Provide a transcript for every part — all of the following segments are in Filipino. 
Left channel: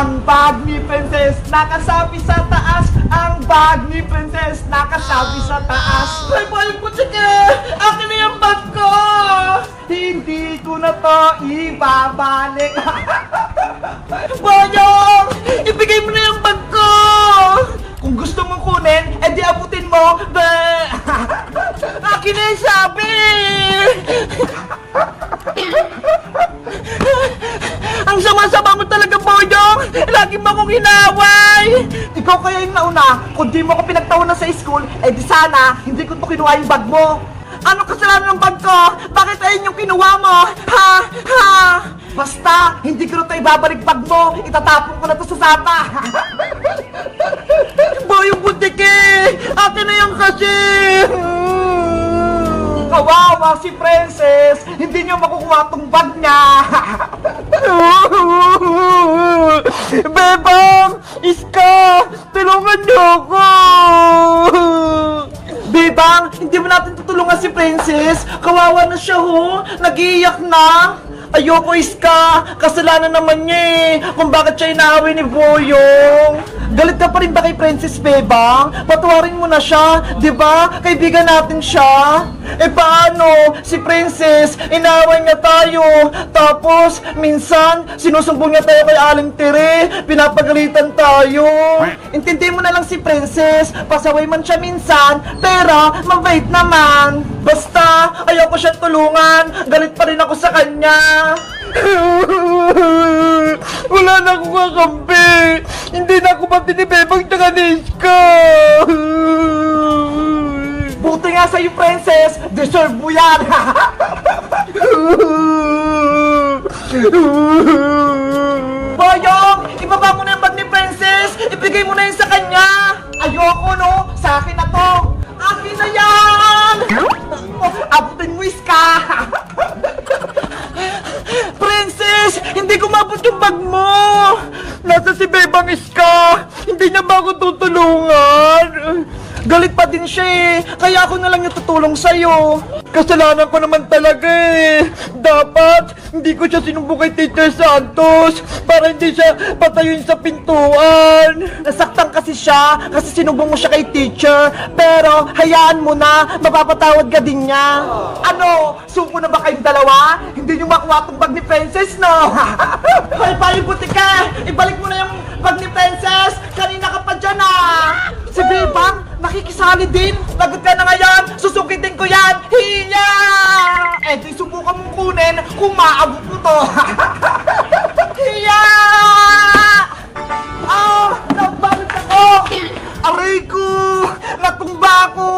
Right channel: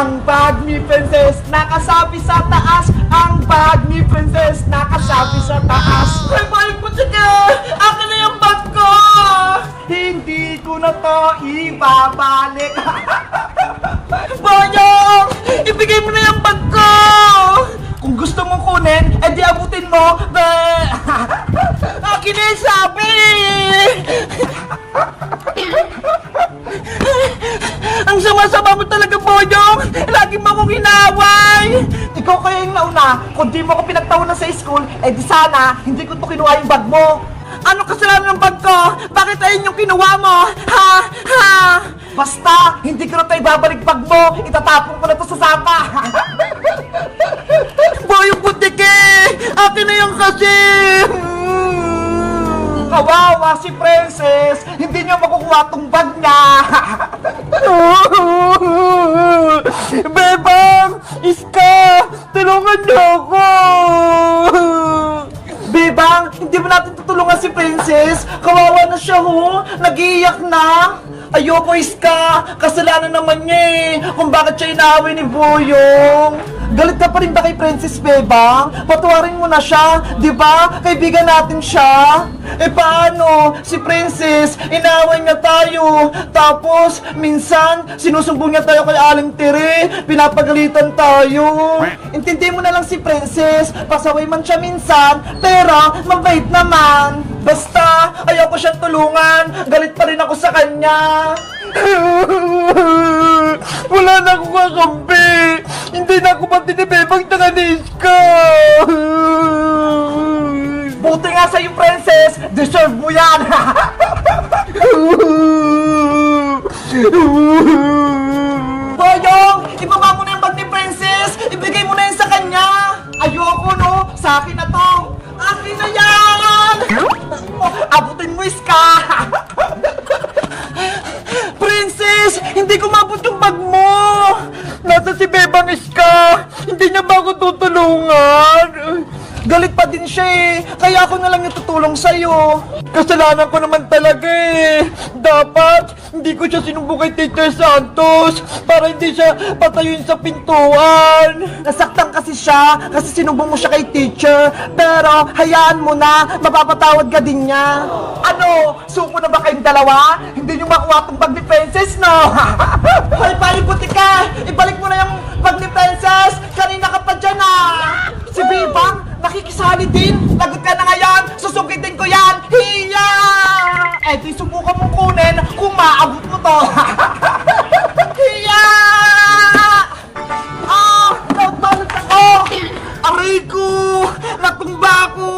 Ang bag ni Princess nakasabi sa taas. Ang bag ni Princess nakasabi sa taas. Ay, boy, putsika! Akin na yung bag ko! Hindi ko na to ibabalik. Boyong! Ibigay mo na yung bag ko! Kung gusto mong kunin, edi abutin mo. Akin na yung sabi! Ang sama-sama mo talaga, Boyong! Lagi mo akong inaway! Ikaw kaya yung nauna, kung di mo ako pinagtawanan sa school, eh di sana, hindi ko to kinuha yung bag mo! Anong kasalanan ng bag ko? Bakit ayun yung kinuha mo? Ha? Ha? Basta, hindi ko na to ibabalik bag mo! Itatapon ko na to sa sapa! Boyong Butike! Akin na yung kasi! Kawawa si Princess! Hindi niyo makukuha tong bag niya! Bebang! Iska! Tulungan niyo ako! Bebang! Hindi mo natin tutulungan si Princess! Kawawa na siya ho! Nag-iiyak na! Ayoko, Iska! Kasalanan naman niya eh! Kung bakit siya inaaway ni Boyong! Galit ka pa rin ba kay Princess, Bebang? Patuwarin mo na siya, di ba? Kaibigan natin siya. Eh paano? Si Princess, inaway niya tayo. Tapos, minsan, sinusumbong niya tayo kay Aling Tere. Pinapagalitan tayo. Intindi mo na lang si Princess. Pasaway man siya minsan, pero mabait naman. Basta, ayoko siyang tulungan. Galit pa rin ako sa kanya. Wala na akong kakampi. Hindi na ako matinibebang taganis ka. Buti nga sa'yo, Princess. Deserve mo yan. Boyong, ibaba mo na yung bag ni Princess. Ibigay mo na yun sa kanya. Ayoko, no? Sa akin na to. Akin na yan. Abutin mo, Iska. Princess, hindi ko mabot yung bag mo. Nasa si Bebang, Iska. Hindi niya ba ako tutulungan? Galit pa din siya eh. Kaya ako na lang yung tutulong sa'yo. Kasalanan ko naman talaga eh. Dapat, hindi ko siya sinumbong kay Teacher Santos para hindi siya patayuin sa pintuan. Nasaktan kasi siya kasi sinumbong mo siya kay Teacher. Pero, hayaan mo na. Mapapatawad ka din niya. Ano? Suko na ba kayong dalawa? Hindi niyo makuha tong bag ni Princess, no? Pali-pali buti ka. Ibalik mo na yung bag ni Princess. Kanina ka pa dyan ah. Si Bebang, nakikisali din. Lagot ka na ngayon. Susukitin ko yan. Hiya! Eh di subukan mong kunin kung maabot mo to. Hiya! Ah! Naubalik ako! Aray ko! Natumba ako!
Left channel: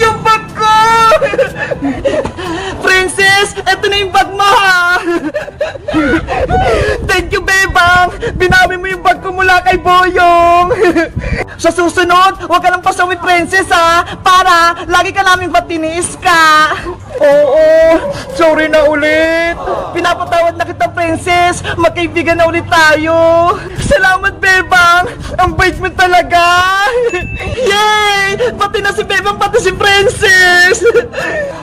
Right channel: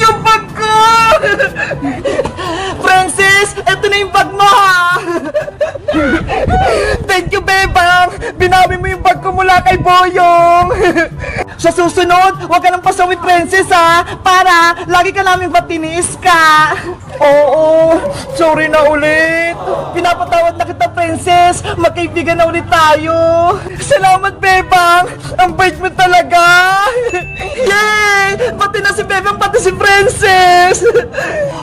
Yung bag ko! Princess, eto na yung bag mo ha! Thank you, Bebang! Binawi mo yung bag ko mula kay Boyong! Sa susunod, huwag ka nang pasawi, Princess ha! Para lagi ka naming batiniis ka! Oo, sorry na ulit! Pinapatawad na kita, Princess! Magkaibigan na ulit tayo! Salamat, Bebang! Ang bait mo talaga! Yay! Pati na si Bebang, pati si Princess!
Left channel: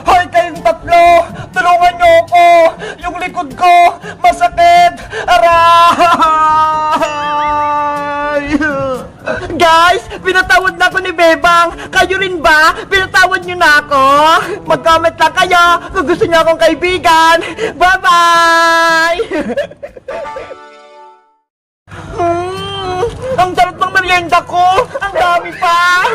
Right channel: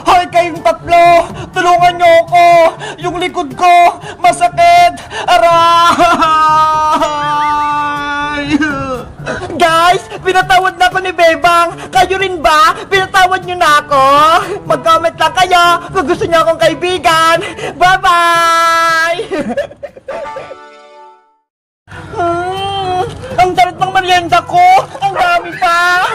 Hoy, kayong tatlo! Tulungan niyo ako! Yung likod ko, masakit! Aray! Guys, pinatawad na ako ni Bebang. Kayo rin ba? Pinatawad niyo na ako? Mag-comment lang kayo kung gusto niyo akong kaibigan. Bye-bye! Ang sarap ng merienda ko! Ang dami pa!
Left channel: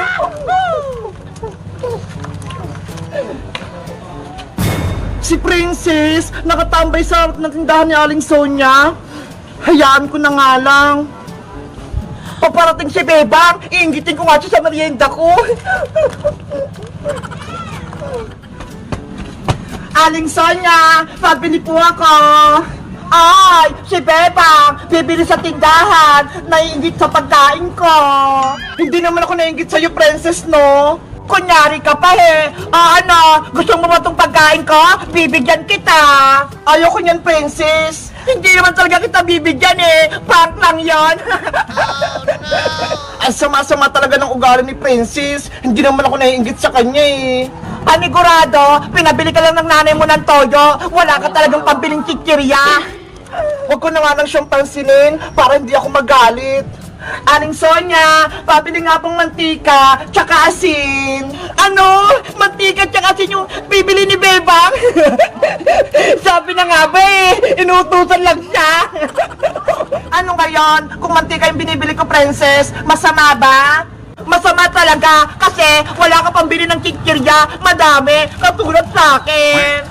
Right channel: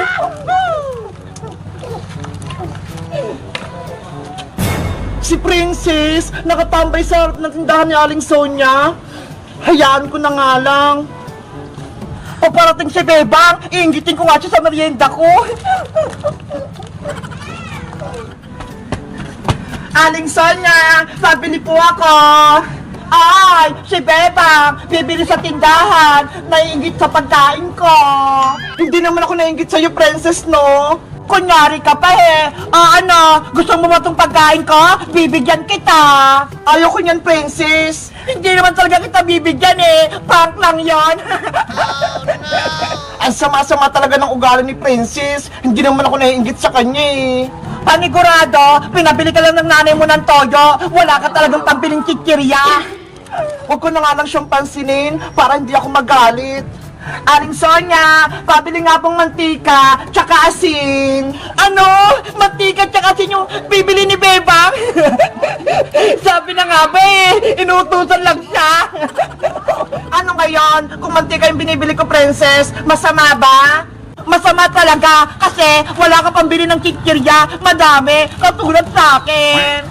Si Princess, nakatambay sa harap ng tindahan ni Aling Sonia. Hayaan ko na nga lang. Paparating si Bebang, iingitin ko nga siya sa merienda ko. Aling Sonia, pabili po ako. Ay, si Bebang, bibili sa tindahan, naiingit sa pagkain ko. Hindi naman ako naiingit sa'yo, Princess, no? Kunyari ka pa eh. Ano, gusto mo ba itong pagkain ko? Bibigyan kita. Ayoko niyan, Princess. Hindi naman talaga kita bibigyan eh. Prank lang yan. Oh, no. Ang sama-sama talaga ng ugali ni Princess. Hindi naman ako naiingit sa kanya eh. Panigurado, pinabili ka lang ng nanay mo ng toyo. Wala ka talagang pambiling kikirya. Huwag ko na nga lang siyang pansinin para hindi ako magalit. Aling Sonia, pabili nga pong mantika, tsaka asin. Ano? Mantika tsaka asin yung bibili ni Bebang? Sabi na nga ba eh, inutusan lang siya. Ano ngayon? Kung mantika yung binibili ko, princess, masama ba? Masama talaga kasi wala ka pambili ng kikirya, madami, katulad sa akin.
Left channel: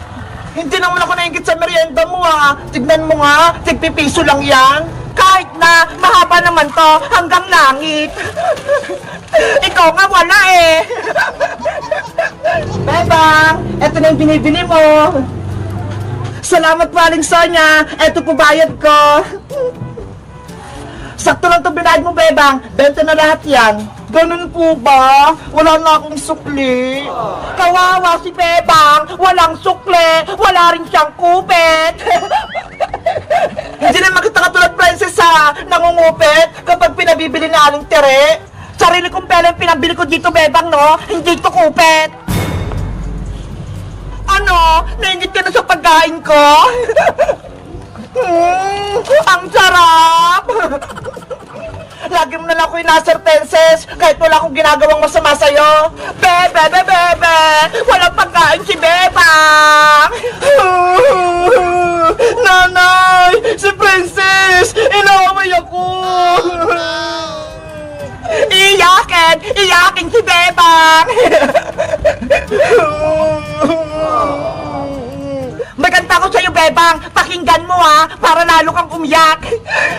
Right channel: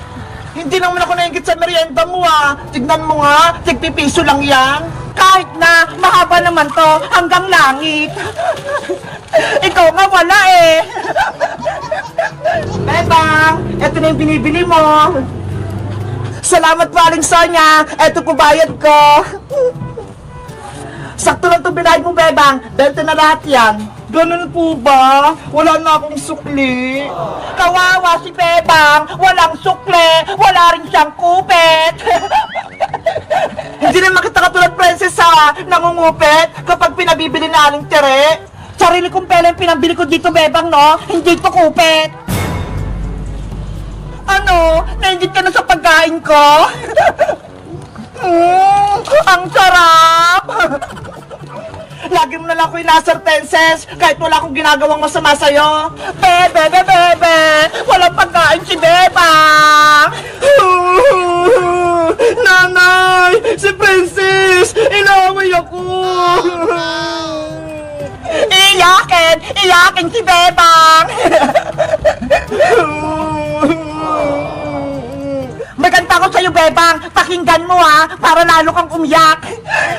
Hindi naman ako naingit sa merienda mo ah. Tignan mo nga, tigpipiso lang yan. Kahit na mahaba naman to hanggang langit. Ikaw nga wala eh. Bebang, eto na yung binibili mo. Salamat po Aling Sonia, eto po bayad ko. Sakto lang ito binayad mo, Bebang. Benta na lahat yan. Ganun po ba? Wala na akong sukli. Kawawa si Bebang. Walang sukli. Wala rin siyang kupit. Hindi naman kita katulad, princess, ha? Nangungupit kapag pinabibili na Aling Tere. Sarili kong pera yung pinabili ko dito, Bebang, no? Hindi ko kupit. Ano? Nainggit ka na sa pagkain ko? Ang sarap! Lagi mo na lang ko inasar, princess, kahit wala akong ginagawang masama sa'yo. Bebe, bebe, bebe! Walang pagkain si Bebang! Nanay! Si princess! Inaway ako! Iyakin! Iyakin si Bebang! May kanta ko sa'yo, Bebang. Pakinggan mo, ha, para lalo kang umiyak.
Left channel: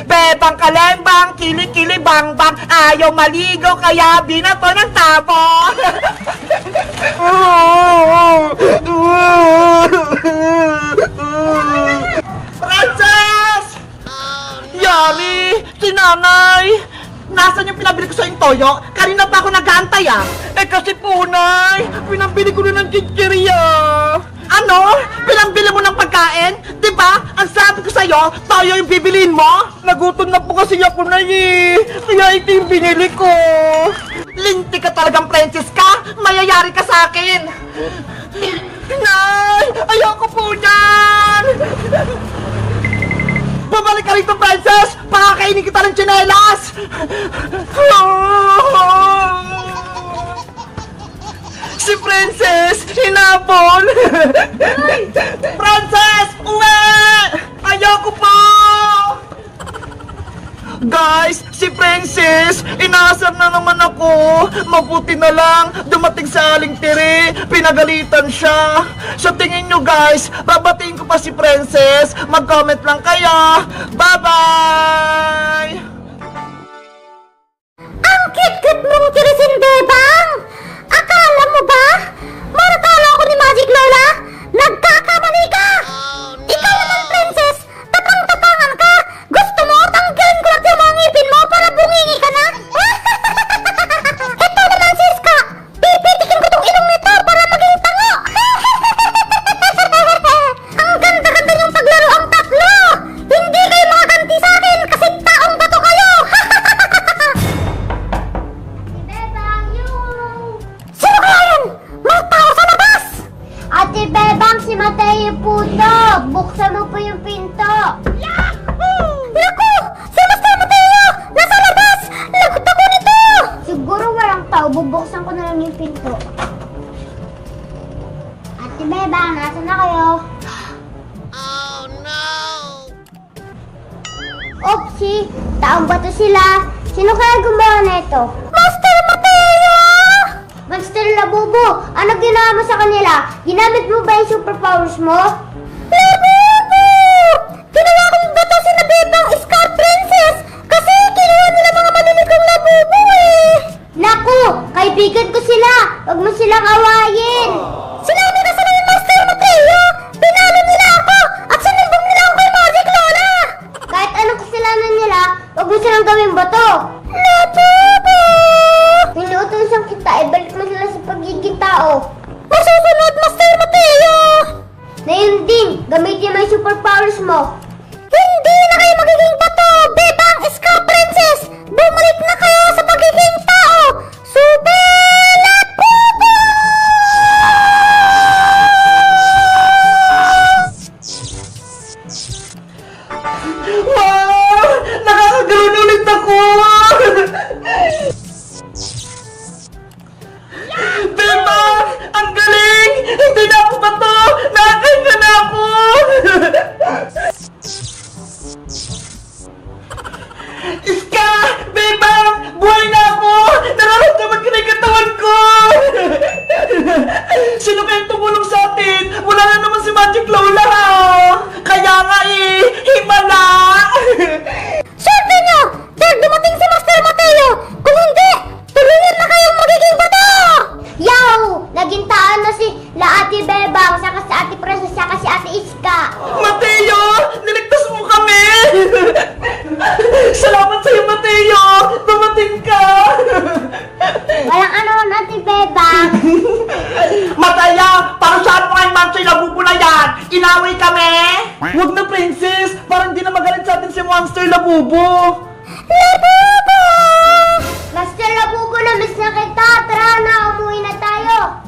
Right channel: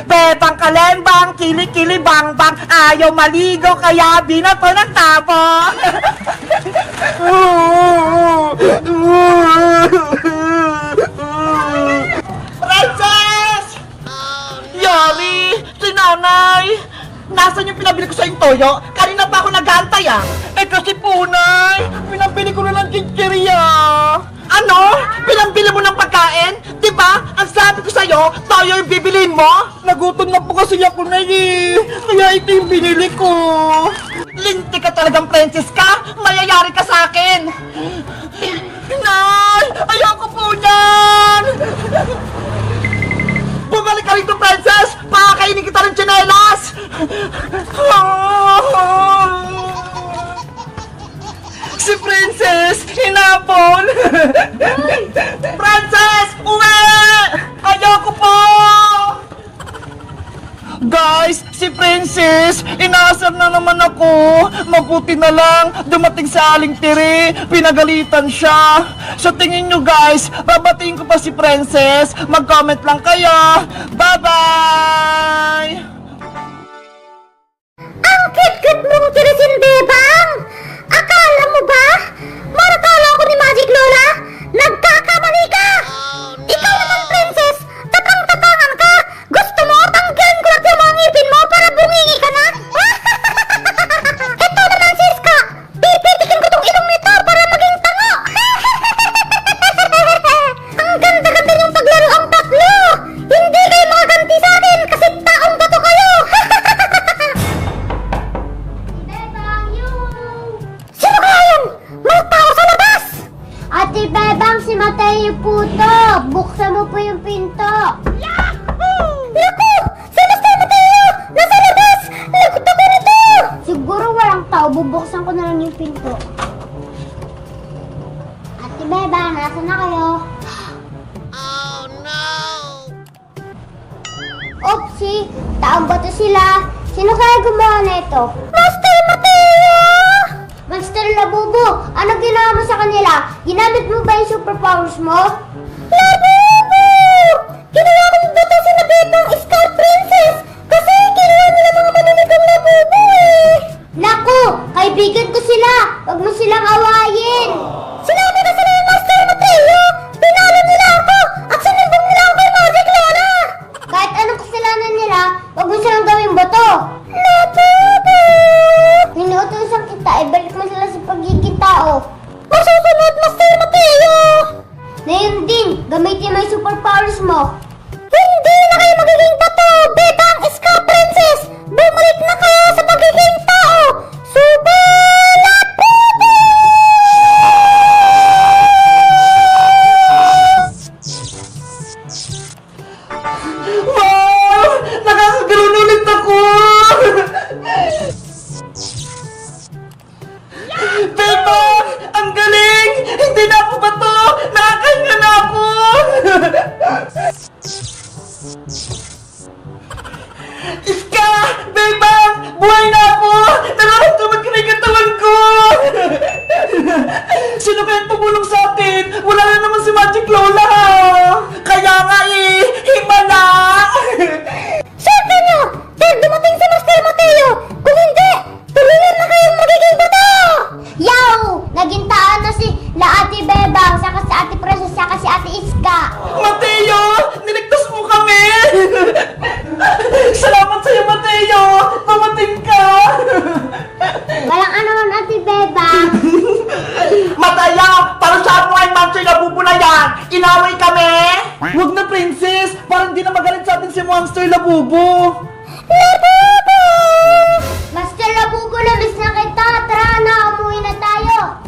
Bebang kalembang, kili-kili bang-bang. Ayaw maligo, kaya binato ng tabo. Princess! Yari! Si nanay! Nasaan yung pinabili ko sa yung toyo? Kanina pa ako nag-aantay, ah. Eh kasi po, nay, pinabili ko na ng chichirya. Ano? Pinambili mo ng pagkain? Diba? Ang sabi ko sa'yo, toyo yung bibilin mo? Nagutom na po kasi ako na eh. Kaya ito yung binili ko. Linti ka talagang princess ka? Mayayari ka sa akin. Nay! Ayoko po yan! Bumalik ka rito, princess! Pakakainin kita ng tsinelas! Si princess, hinabol! Princess, uwi! Ayoko po! Guys, si princess, inaasar na naman ako. Mabuti na lang, dumating sa Aling Tere, pinagalitan siya. Sa tingin nyo guys, babatiin ko pa si princess. Mag-comment lang kaya. Bye-bye! Ang cute-cute mong tirisin, Bebang! Akala mo ba? Maratala ako ni Magic Lola? Nagkakamali ka! Ikaw naman, princess! Tapang-tapangan ka! Gusto mo, tanggalin ko lang yung mga ngipin mo para bungingi ka na? Ito naman, siska! Pipitikin ko tong ilong nito para maging tango! Ang ganda-ganda yung paglaro ang tatlo! Hindi kayo makaganti sa akin kasi taong bato kayo! Sino kaya yun? May tao sa labas! Ate Bebang, si Mateo Puto! Buksan mo po yung pinto! Yahoo! Naku! Si Master Mateo! Nasa labas! Lagot ako nito! Siguro walang tao, bubuksan ko na lang yung pinto. Ate Bebang, nasa na kayo? Oopsie! Taong bato sila! Sino kaya gumawa na ito? Master Mateo! Monster Labubo! Ano ginawa mo sa kanila? Ginamit mo ba yung superpowers mo? Labubo! Ginawa kong bato si na Bebang Scar Princess kasi kinuha nila mga manunikong labubo eh! Naku! Kaibigan ko sila! Huwag mo silang awayin! Sinabi na sila yung Master Mateo! Pinalo nila ako at sinimbong nila ako kay Magic Lola! Kahit anong kasalanan nila, huwag mo silang gawing bato! Labubo! Inuutosan kita, ibalik mo sila sa pagiging tao. Masusunod, Master Mateo! Ngayon din, gamitin mo yung superpowers mo. Hindi na kayo magiging bato, Bebang Scar Princess! Bumalik na kayo sa pagiging tao! Super Labubo! Iska! Bebang! Buhay na ako! Nararamdaman ko na yung katawan ko! Sino kayang tumulong sa atin? Wala na naman si Magic Lola! Kaya nga himala! Swerte nyo! Dahil dumating si Master Mateo! Kung hindi, tulungan na kayong magiging bato! Yaw! Nagintaan na si Ate Bebang, saka si Ate Princess, saka si Ate Iska. Mateo! Niligtas mo kami! Salamat sa'yo, Mateo! Dumating ka! Walang ano, Ate Bebang. Mataya! Para saan mo ang monster na bubo na yan? Inaway kami? Huwag na, Princess! Parang di na magalit sa atin si Monster Labubo! Labubo! Master Labubo, labis na kita. Tara na, umuwi na tayo.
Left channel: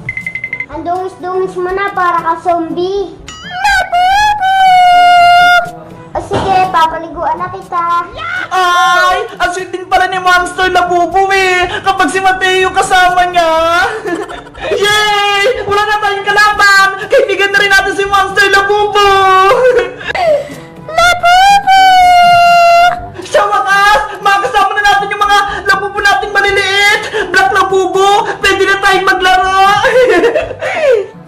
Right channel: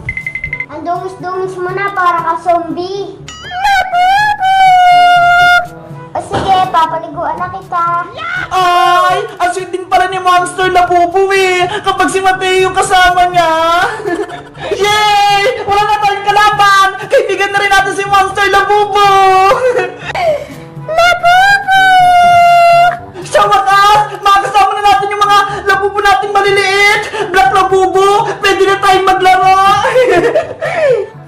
Ang dungis-dungis mo na para ka zombie. Labubo! O sige, papaliguan na kita. Ay! Ang sweet din pala ni Monster Labubo eh! Kapag si Mateo kasama niya! Yay! Wala na tayong kalaban! Kaibigan na rin natin si Monster Labubo! Labubo! Sa wakas, makakasama na natin yung mga labubo nating maliliit! Black Labubo! Pwede na tayong maglaro!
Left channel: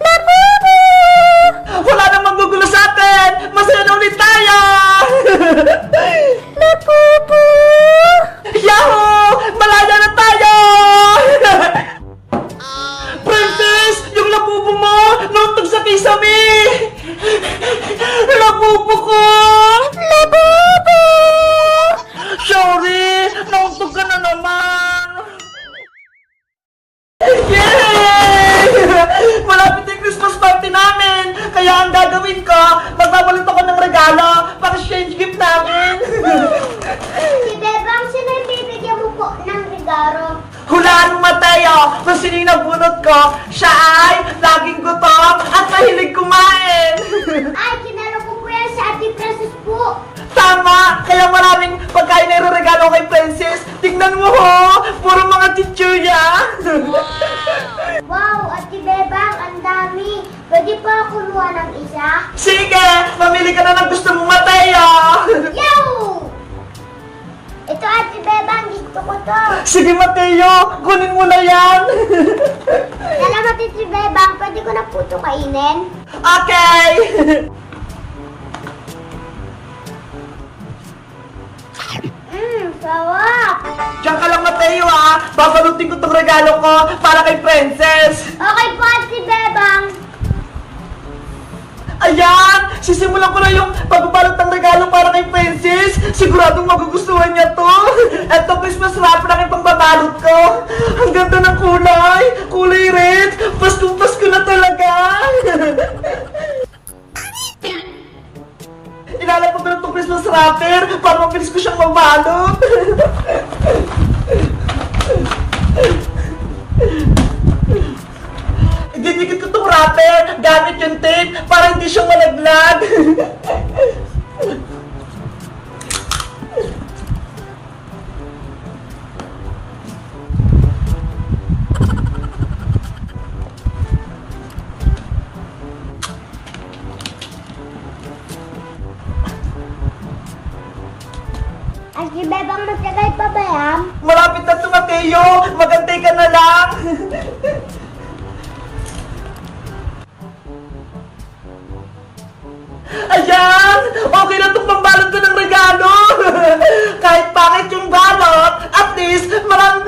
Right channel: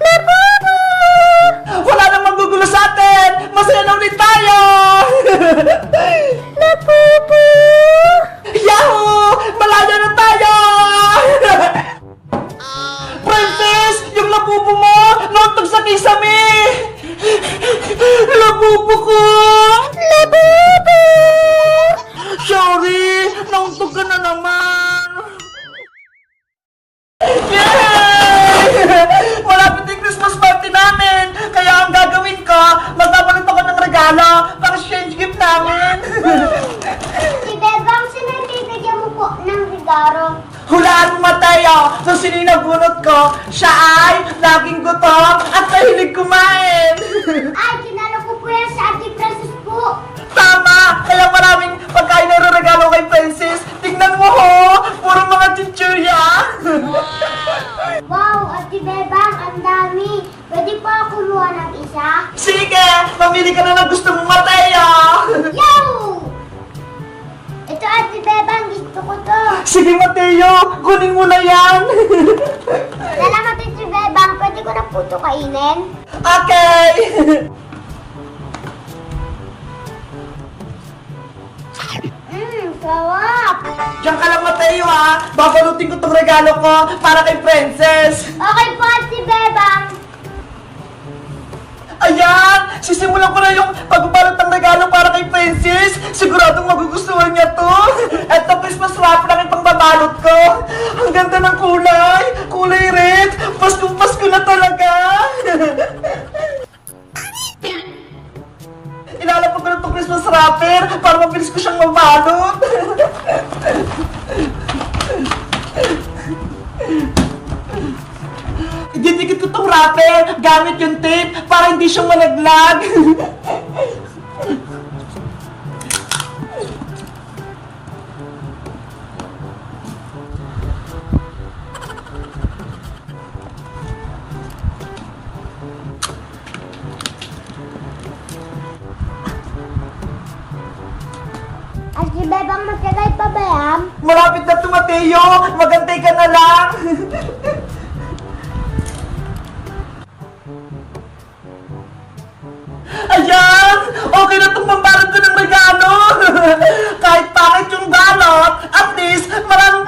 Labubo! Wala nang magugulo sa atin! Masaya na ulit tayo! Labubo! Yahoo! Malaya na tayo! Princess! Yung labubo mo! Nauntog sa kisame! Labubo ko! Labubo! Sorry! Nauntog ka na naman! Yay! Malapit na yung Christmas party namin! Kaya ang gagawin ko, magbabalot ako ng regalo para exchange gift namin! Si Bebang, sino yung bibigyan mo po ng regalo? Hulaan mo, Mateo! Kung sino yung nabunot ko, siya ay laging gutom at mahilig kumain! Ay, kinalo ko po yan sa Ate Princess po. Tama! Kaya maraming pagkain na regalo kay Princess. Tingnan mo ho! Puro mga chichurya! Wow, Ate Bebang, ang dami. Pwede pa ako kumuha ng isa? Sige! Mamili ka na ng gusto mo, Mateo! Yaw! Ito, Ate Bebang, gusto ko to. Sige, Mateo! Kunin mo na yan! Salamat, Ate Bebang. Pwede ko na po ito kainin? Okay! Sarap. Diyan ka lang, Mateo, ha! Babalutin ko tong regalo ko para kay Princess! Okay po, Ate Bebang. Ayan! Sisimulan ko na yung pagbabalot ng regalo para kay Princess! Siguradong magugustuhan niya to! Eto, Christmas wrapper na yung pangbabalot ko! Ang ganda ng kulay! Kulay red! Paskong Pasko na talaga! Ilalapag ko na itong Christmas wrapper para mabilis ko siyang mabalot! Didikit ko itong wrapper gamit yung tape para hindi siya malaglag. Ate Bebang, magtagay pa ba yan? Malapit na to, Mateo! Magantay ka na lang! Ayan! Okay na itong pambalot ko ng regalo! Kahit pangit yung balot, at least maraming